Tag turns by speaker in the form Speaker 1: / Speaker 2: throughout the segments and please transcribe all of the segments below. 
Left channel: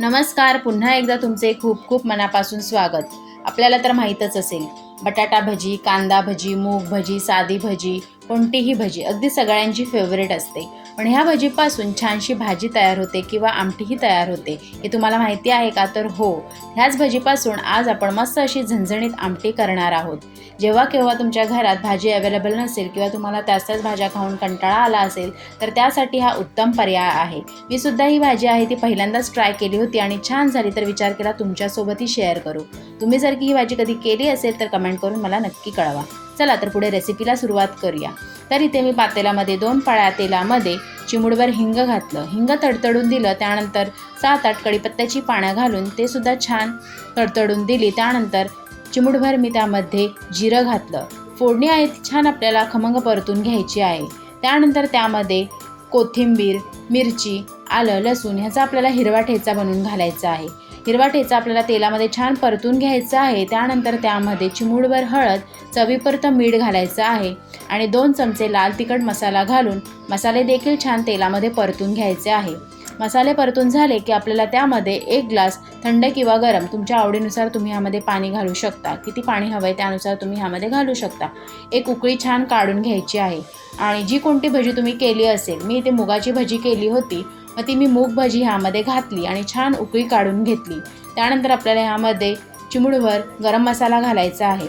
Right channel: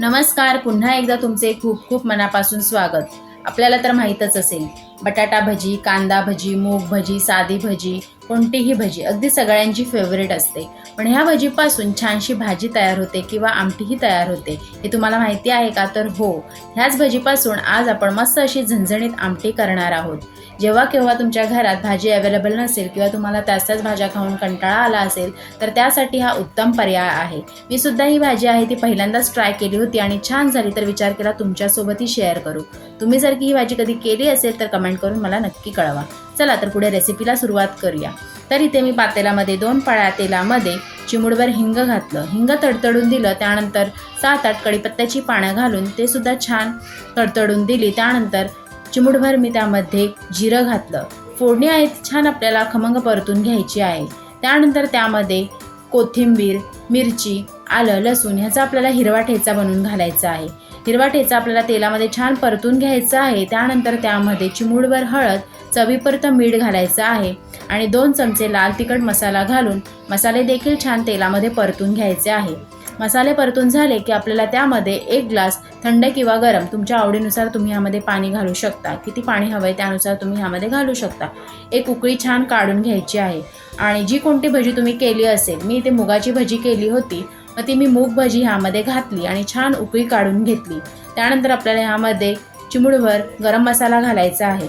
Speaker 1: नमस्कार पुन्हा एकदा तुमचे खूप खूप मनापासून स्वागत. आपल्याला तर माहीतच असेल बटाटा भजी कांदा भजी मूग भजी साधी भजी कोणतीही भजी अगदी सगळ्यांची फेवरेट असते. पण ह्या भजीपासून छानशी भाजी तयार होते किंवा आमटीही तयार होते हे तुम्हाला माहिती आहे का? तर हो ह्याच भजीपासून आज आपण मस्त अशी झणझणीत आमटी करणार आहोत. जेव्हा केव्हा तुमच्या घरात भाजी अवेलेबल नसेल किंवा तुम्हाला त्याच त्याच भाज्या खाऊन कंटाळा आला असेल तर त्यासाठी हा उत्तम पर्याय आहे. मी सुद्धा ही भाजी आहे ती पहिल्यांदाच ट्राय केली होती आणि छान झाली तर विचार केला तुमच्यासोबतही शेअर करू. तुम्ही जर की ही भाजी कधी केली असेल तर कमेंट करून मला नक्की कळवा. चला तर पुढे रेसिपीला सुरुवात करूया. तर इथे मी पातेल्यामध्ये दोन पाळ्या तेलामध्ये चिमुडभर हिंग घातलं. हिंग तडतडून दिलं त्यानंतर सात आठ कडीपत्त्याची पानं घालून ते सुद्धा छान तडतडून दिली. त्यानंतर चिमुडभर मी त्यामध्ये जिरं घातलं. फोडणी आहे छान आपल्याला खमंग परतून घ्यायची आहे. त्यानंतर त्यामध्ये कोथिंबीर मिरची आलं लसूण ह्याचा आपल्याला हिरवा ठेचा बनवून घालायचा आहे. हिरवा ठेचा आपल्याला तेलामध्ये छान परतून घ्यायचा आहे. त्यानंतर त्यामध्ये चिमूडभर हळद चवीपर्यंत मीठ घालायचं आहे. आणि दोन चमचे लाल तिखट मसाला घालून मसाले देखील छान तेलामध्ये परतून घ्यायचे आहे. मसाले परतून झाले की आपल्याला त्यामध्ये एक ग्लास थंड किंवा गरम तुमच्या आवडीनुसार तुम्ही ह्यामध्ये पाणी घालू शकता. किती पाणी हवं आहे त्यानुसार तुम्ही ह्यामध्ये घालू शकता. एक उकळी छान काढून घ्यायची आहे. आणि जी कोणती भजी तुम्ही केली असेल मी इथे मुगाची भजी केली होती. मग ती मी मूग भजी ह्यामध्ये घातली आणि छान उकळी काढून घेतली. त्यानंतर आपल्याला ह्यामध्ये चिमुडभर गरम मसाला घालायचा आहे.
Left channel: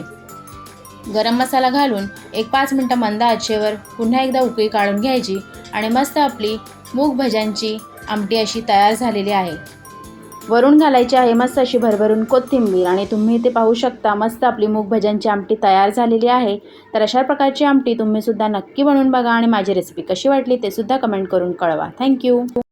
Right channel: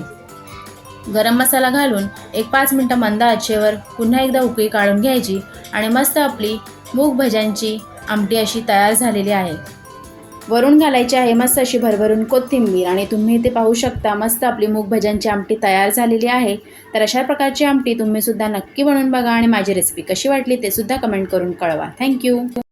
Speaker 1: गरम मसाला घालून एक पाच मिनटं मंद आचेवर पुन्हा एकदा उकळी काढून घ्यायची आणि मस्त आपली मूग भज्यांची आमटी अशी तयार झालेली आहे. वरून घालायची आहे मस्त अशी भरभरून कोथिंबीर आणि तुम्ही इथे पाहू शकता मस्त आपली मूग भज्यांची आमटी तयार झालेली आहे. तर अशा प्रकारची आमटी तुम्ही सुद्धा नक्की बनवून बघा आणि माझी रेसिपी कशी वाटली ते सुद्धा कमेंट करून कळवा. थँक्यू